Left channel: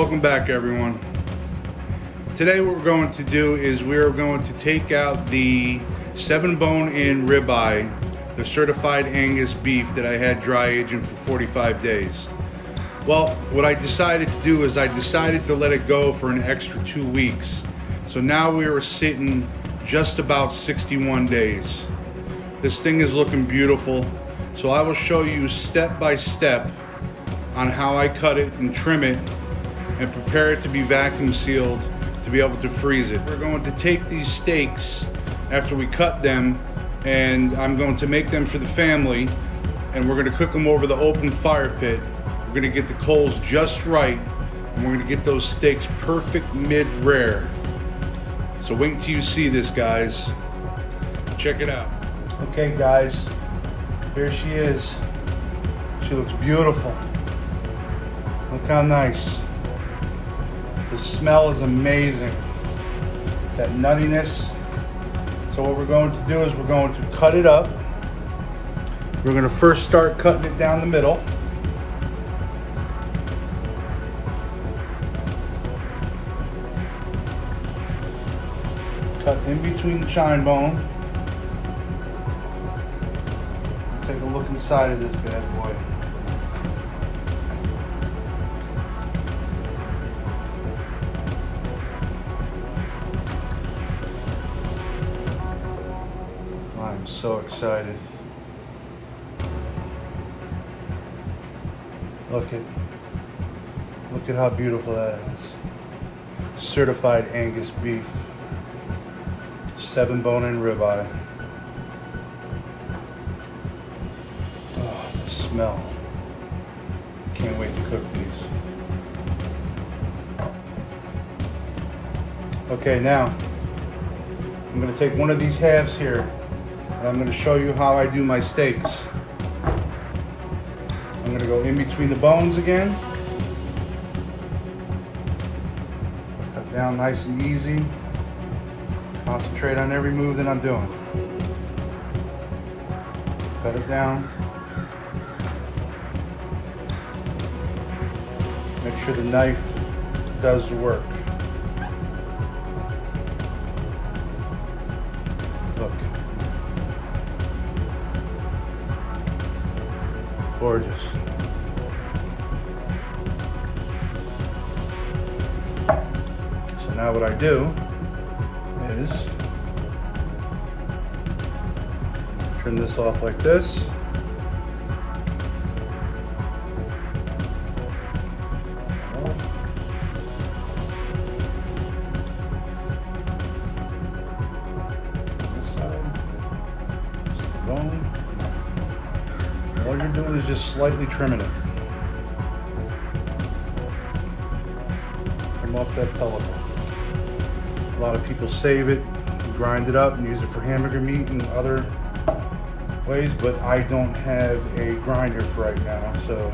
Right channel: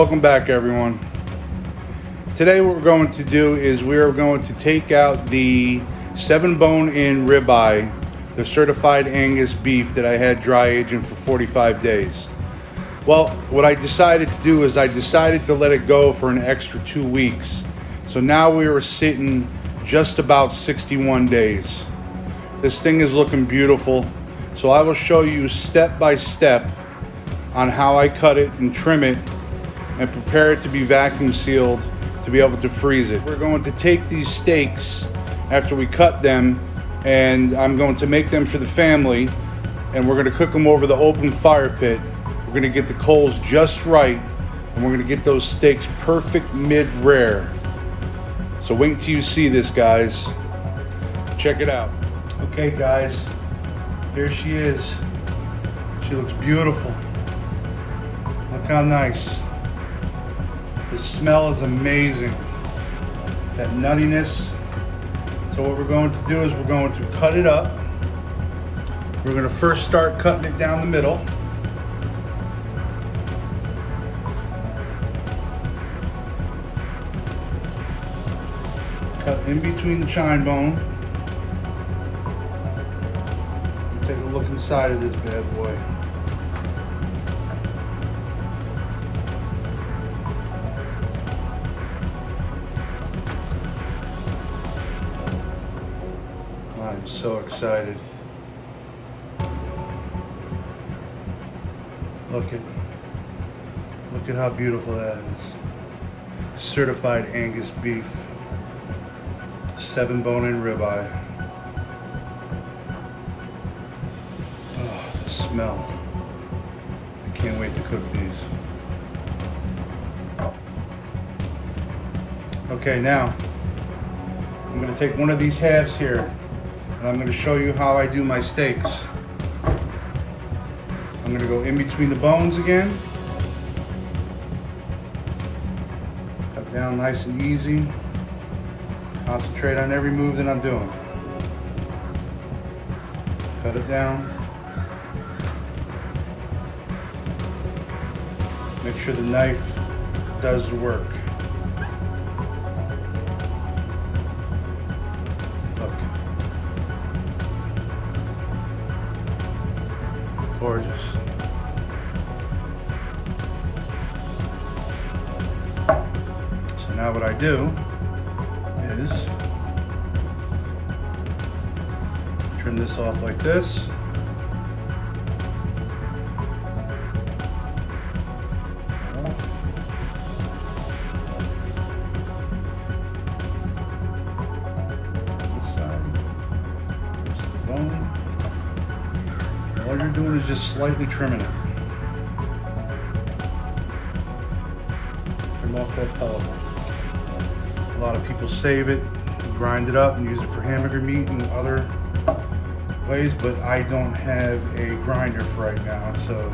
Welcome back, everyone. Today what we're going to do is we are going to take out the 7-bone-in ribeye, the certified Angus beef that I had dry aging for 45 days. Well, what I decided to do is I decided to let it go for an extra 2 weeks. So now we are sitting just about 61 days. This thing is looking beautiful. So I will show you step by step on how I cut it and trim it and prepare it to be vacuum sealed to be able to freeze it. We're going to take these steaks after we cut them, and I'm going to make them for the family, and we're going to cook them over the open fire pit. We're going to get the coals just right, and we're going to get those steaks perfect mid-rare. So wait until you see this, guys. Check it out. Okay, guys, here she is. She looks beautiful. Look how nice. The smell is amazing. That nuttiness. So what we're going to do is we're going to cut it up. We're going to first start cutting it down the middle. Cut in between the chine bone. Take a look inside of this bad boy. I'm so excited. Look at how beautiful that is. Certified Angus beef, 7-bone-in ribeye. Oh, the smell. I can't wait to cook these. Okay, now I'm going to take one of these halves here, and I'm going to show you how I do my steaks. I'm going to go in between the bones again. Cut down nice and easy. Concentrate on every move that I'm doing. Cut it down. Make sure the knife does the work. Look. Gorgeous. So now what I do is trim this off like this. This side, this is the bone. All you're doing is just slightly trimming it. Trim off that pellet bone. A lot of people save it, grind it up, and use it for hamburger meat and other ways, but I don't have a grinder for right now, so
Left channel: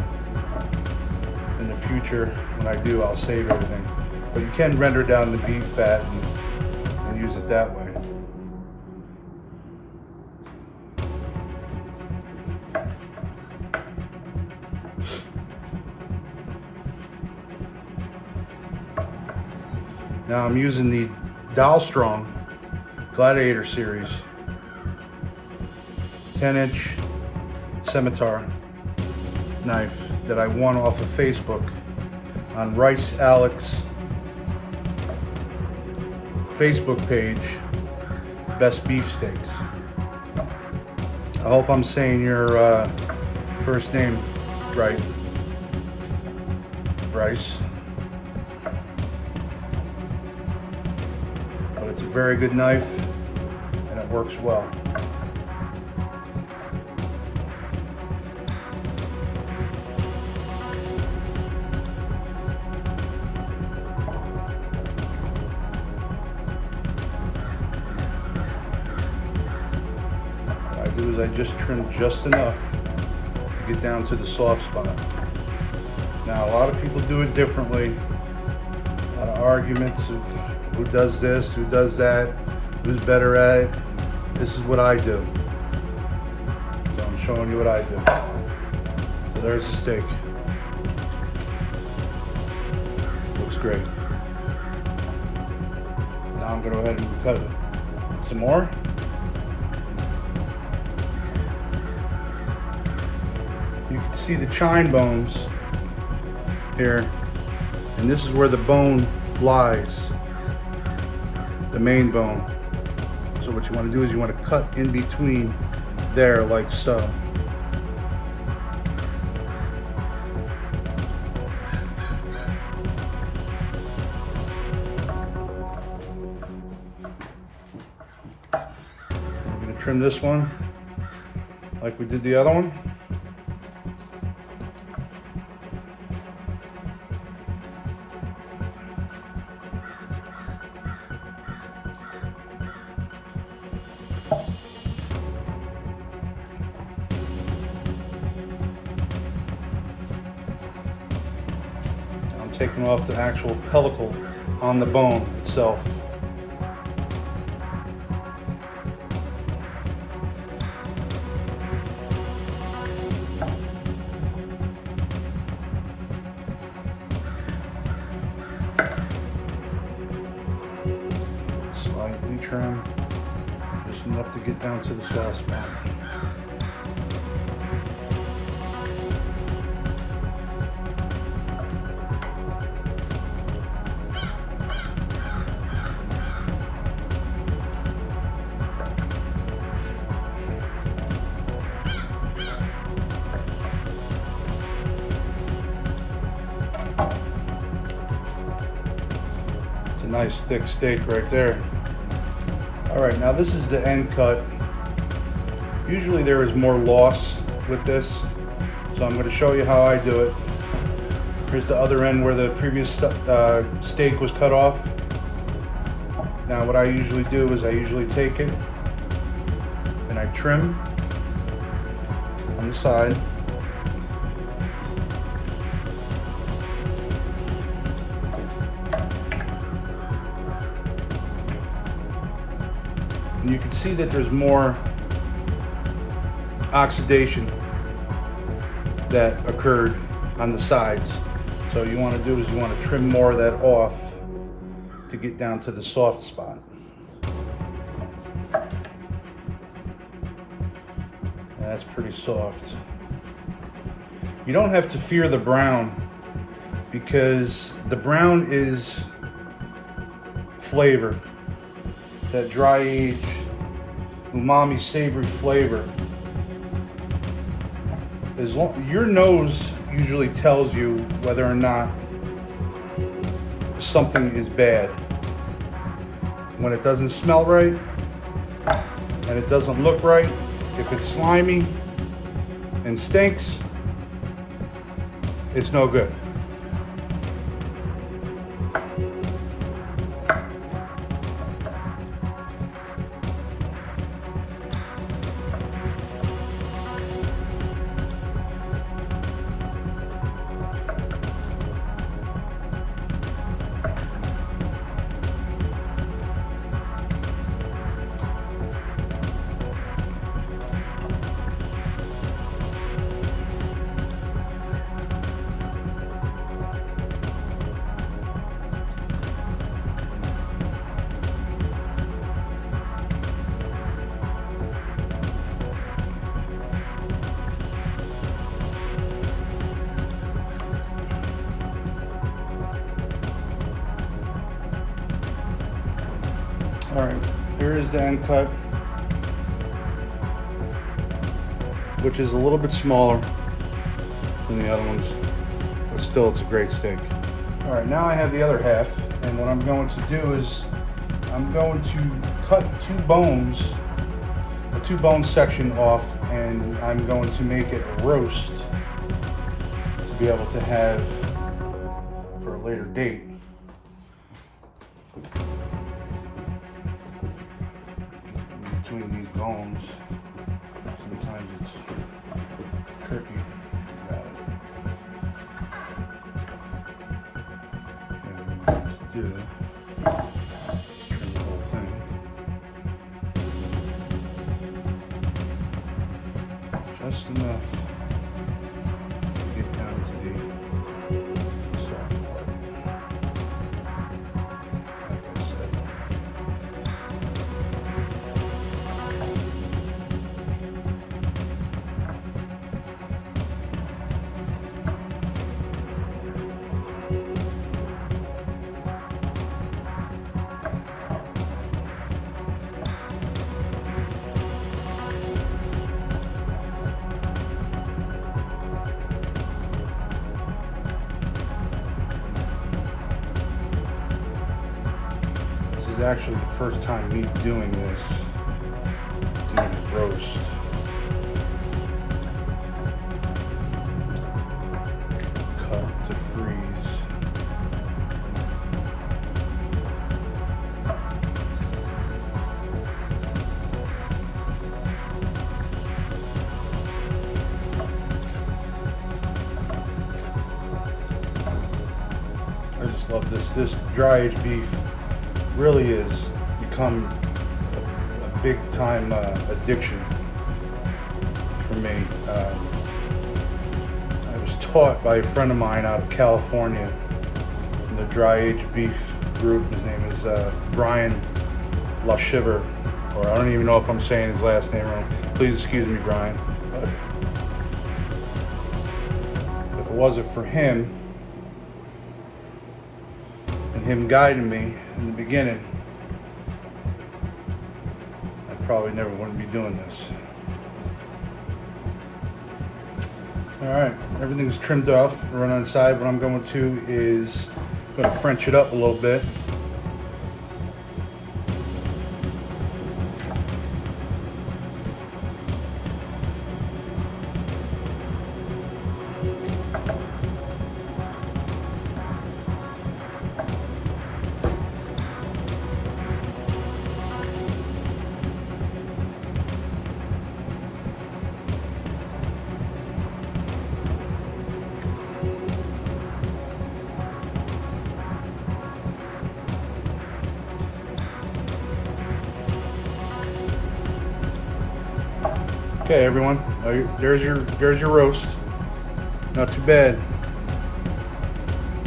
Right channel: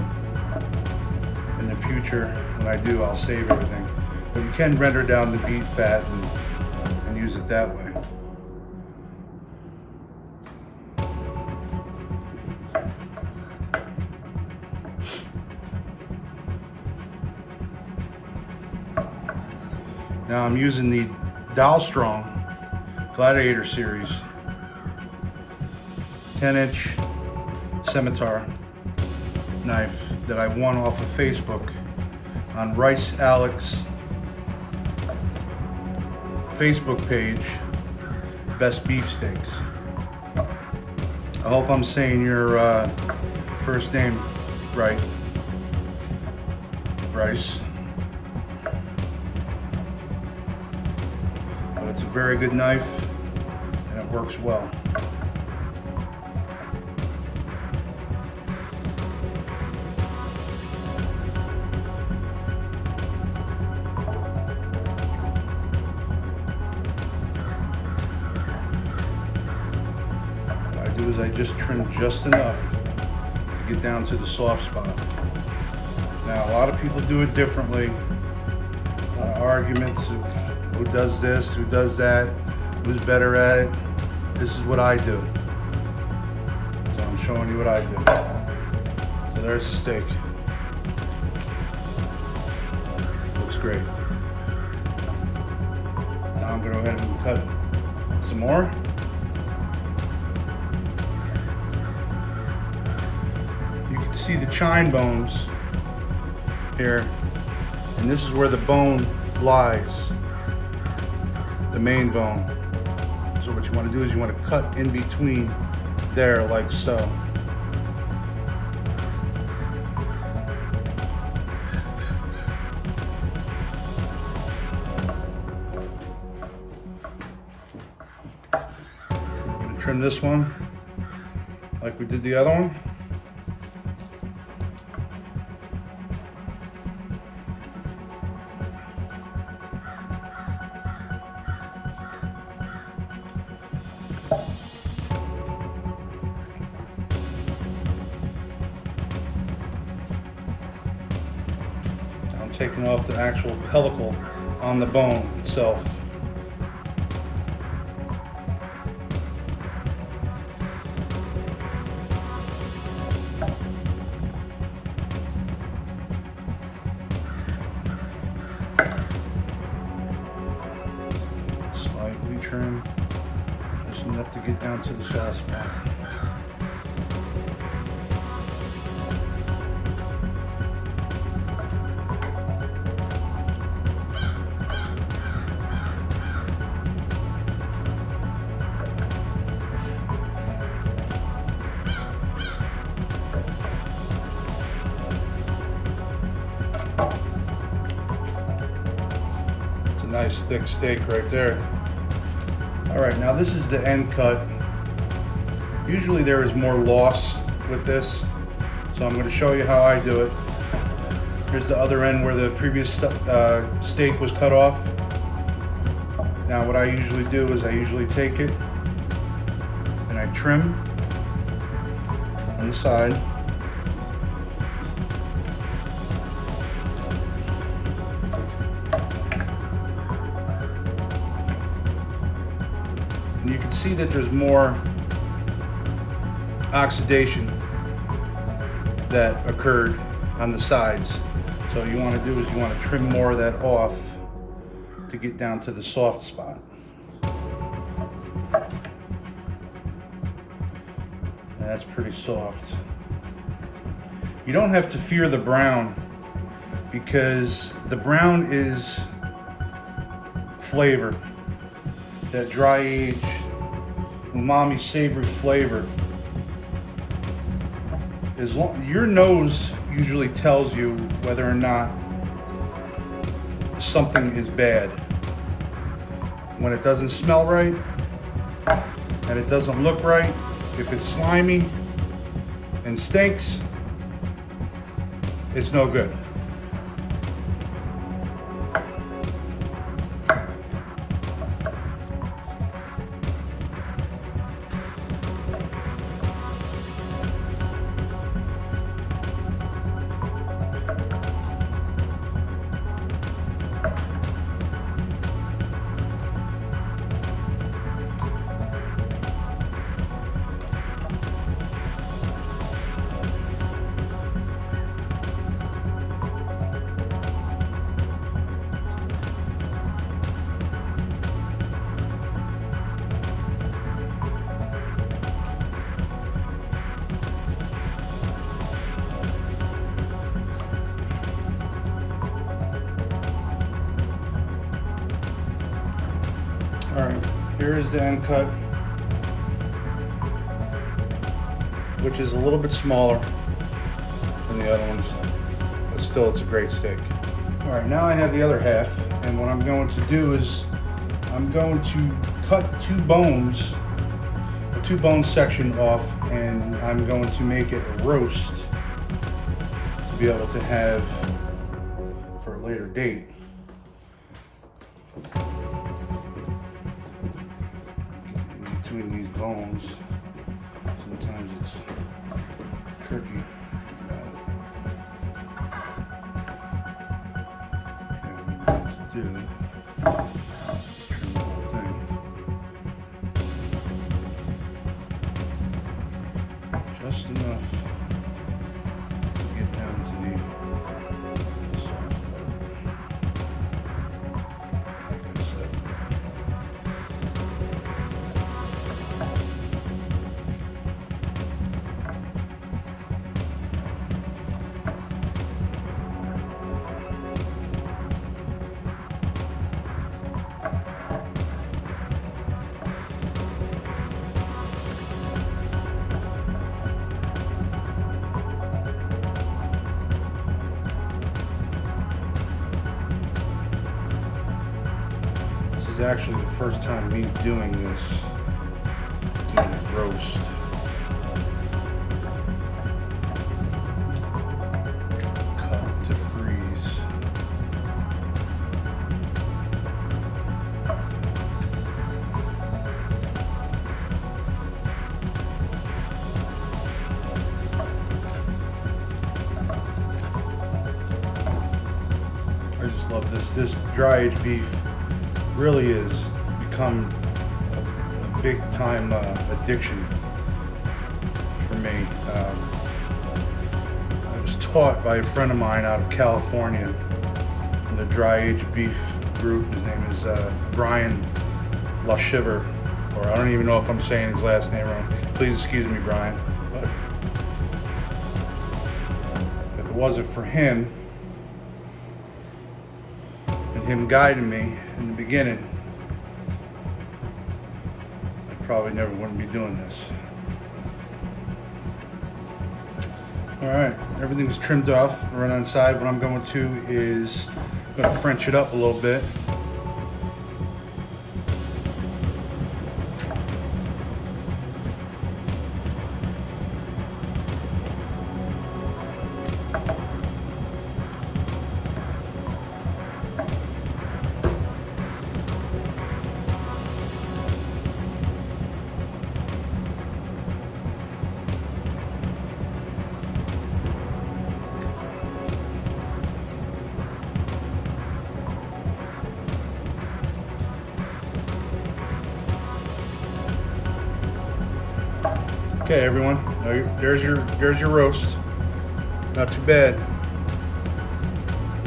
in the future, when I do, I'll save everything. But you can render down the beef fat and use it that way. Now I'm using the Strong Gladiator series 10-inch scimitar knife that I won off of Facebook on Rice Alex Facebook page, Best Beef Steaks. I hope I'm saying your first name right. Rice. But it's a very good knife and it works well. What I do is I just trim just enough to get down to the soft spot. Now a lot of people do it differently. A lot of arguments of who does this, who does that, who's better at it. This is what I do. So I'm showing you what I do. So there's the steak. looks great. Now I'm going to go ahead and cut some more. You can see the chine bones here, and this is where the bone lies, the main bone. So what you want to do is you want to cut in between there like so. We're going to trim this one like we did the other one. Taking off the actual pellicle on the bone itself. Slightly trim, just enough to get down to the soft spot. Nice thick steak right there. All right, now this is the end cut. Usually there is more loss with this, so I'm going to show you how I do it. Here's the other end where the previous steak was cut off. Now what I usually do is I usually take it and I trim on the side. And you can see that there's more oxidation that occurred on the sides. So what you want to do is you want to trim more of that off to get down to the soft spot. That's pretty soft. You don't have to fear the brown, because the brown is flavor. That dry aged umami savory flavor. Your nose usually tells you whether or not something is bad. When it doesn't smell right and it doesn't look right, if it's slimy and stinks, it's no good. All right, here is the end cut, which is a little bit smaller than the other ones, but still it's a great steak. All right, now I have the other half, and what I'm going to do is I'm going to cut two bones, a two bone section off, and I'm going to make it a roast to be able to have for a later date. Between these bones, sometimes it's tricky. Got it. Okay, what I'm going to do is trim the whole thing. Just enough to get down to the soft part. is actually the first time me doing this, doing a roast. Cut to freeze. I just love this. This dry aged beef really is become a big time addiction for me. I was taught by a friend of mine out of California from the dry aged beef group. His name is Brian LaShiver, or I don't even know if I'm saying his last name wrong. Please excuse me, Brian. But if it wasn't for him, him guiding me in the beginning, I probably never wouldn't be doing this. All right, everything's trimmed off right on the side. What I'm going to is going to French it up a little bit. Okay, everyone, there's your roast. Not too bad.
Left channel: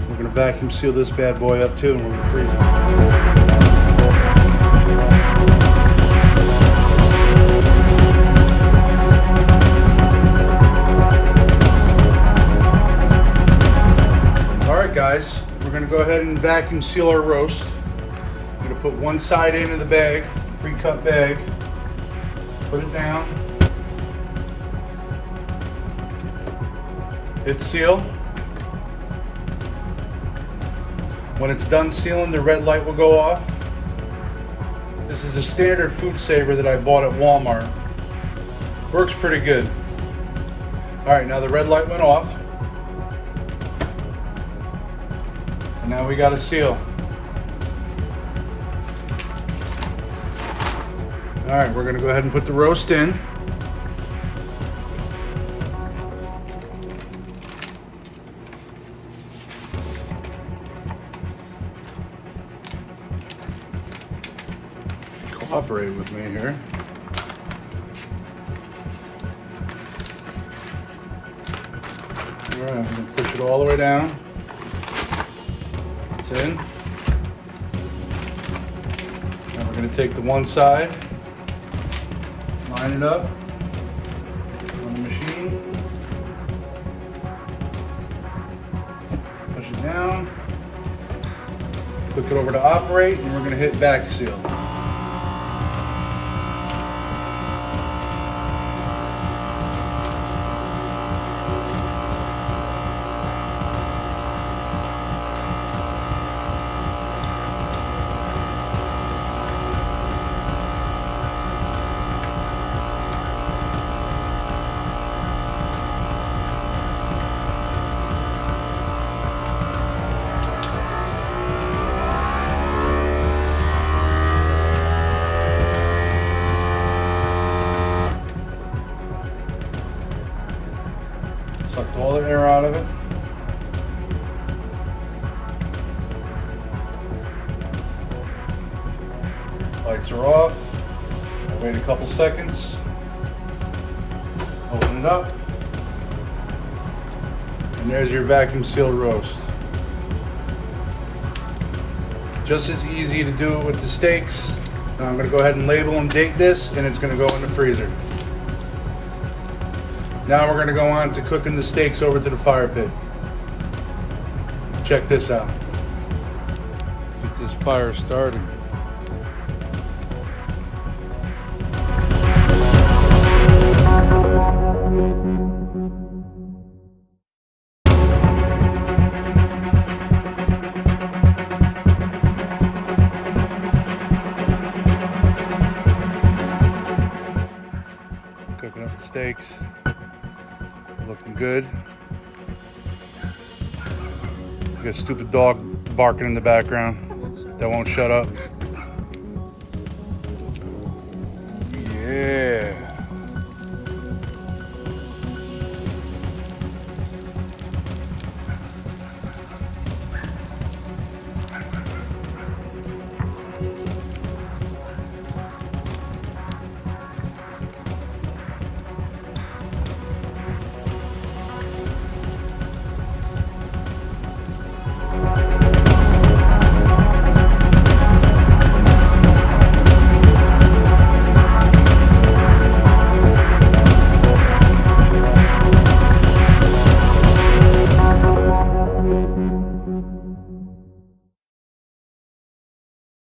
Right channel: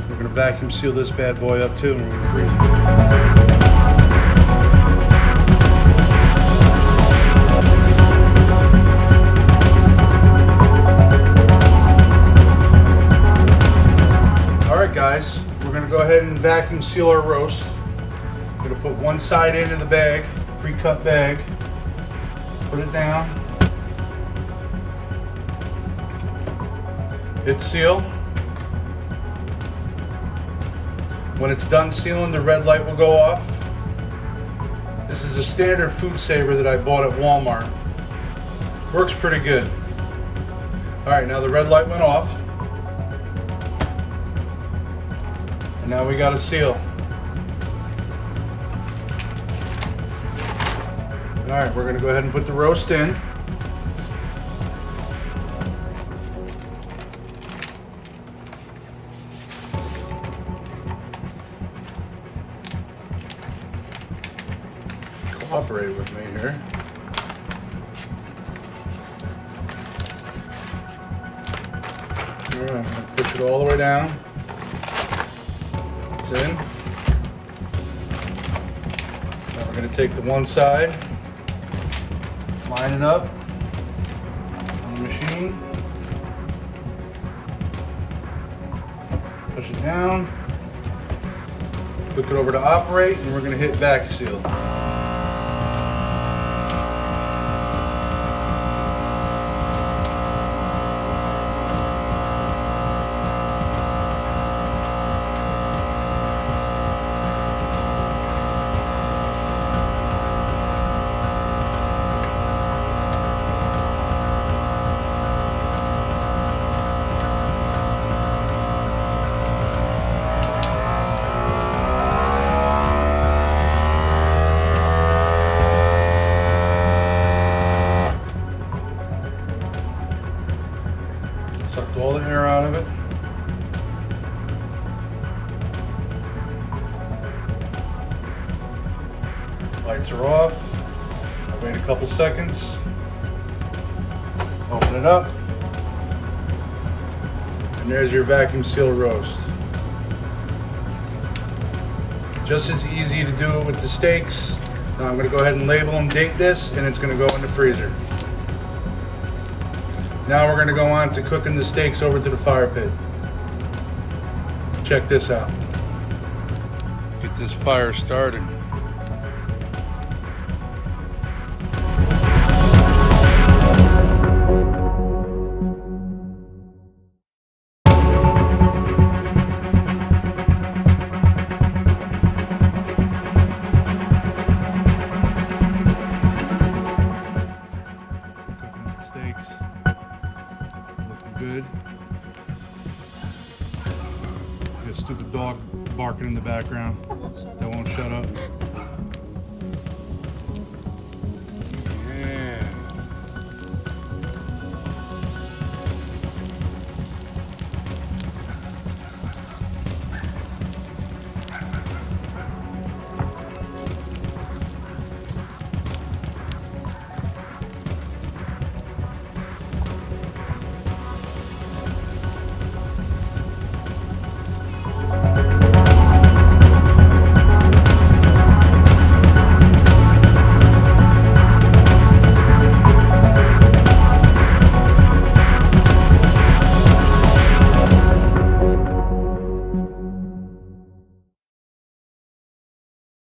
We're gonna vacuum seal this bad boy up too, and we're gonna freeze it. All right, guys, we're gonna go ahead and vacuum seal our roast. We're gonna put one side into the bag, pre-cut bag. Put it down. Hit seal. When it's done sealing, the red light will go off. This is a standard food saver that I bought at Walmart. Works pretty good. All right, now the red light went off. And now we got a seal. All right, we're gonna go ahead and put the roast in. Cooperate with me here. All right, I'm gonna push it all the way down. It's in. Now we're gonna take the one side, line it up on the machine, push it down, click it over to operate, and we're gonna hit vac seal. Sucked all the air out of it. Lights are off. Wait a couple seconds. Open it up. And there's your vacuum sealed roast. Just as easy to do it with the steaks. Now I'm going to go ahead and label and date this, and it's going to go in the freezer. Now we're going to go on to cooking the steaks over to the fire pit. Check this out. Get this fire started. steaks. Looking good. You got a stupid dog barking in the background that won't shut up. Yeah.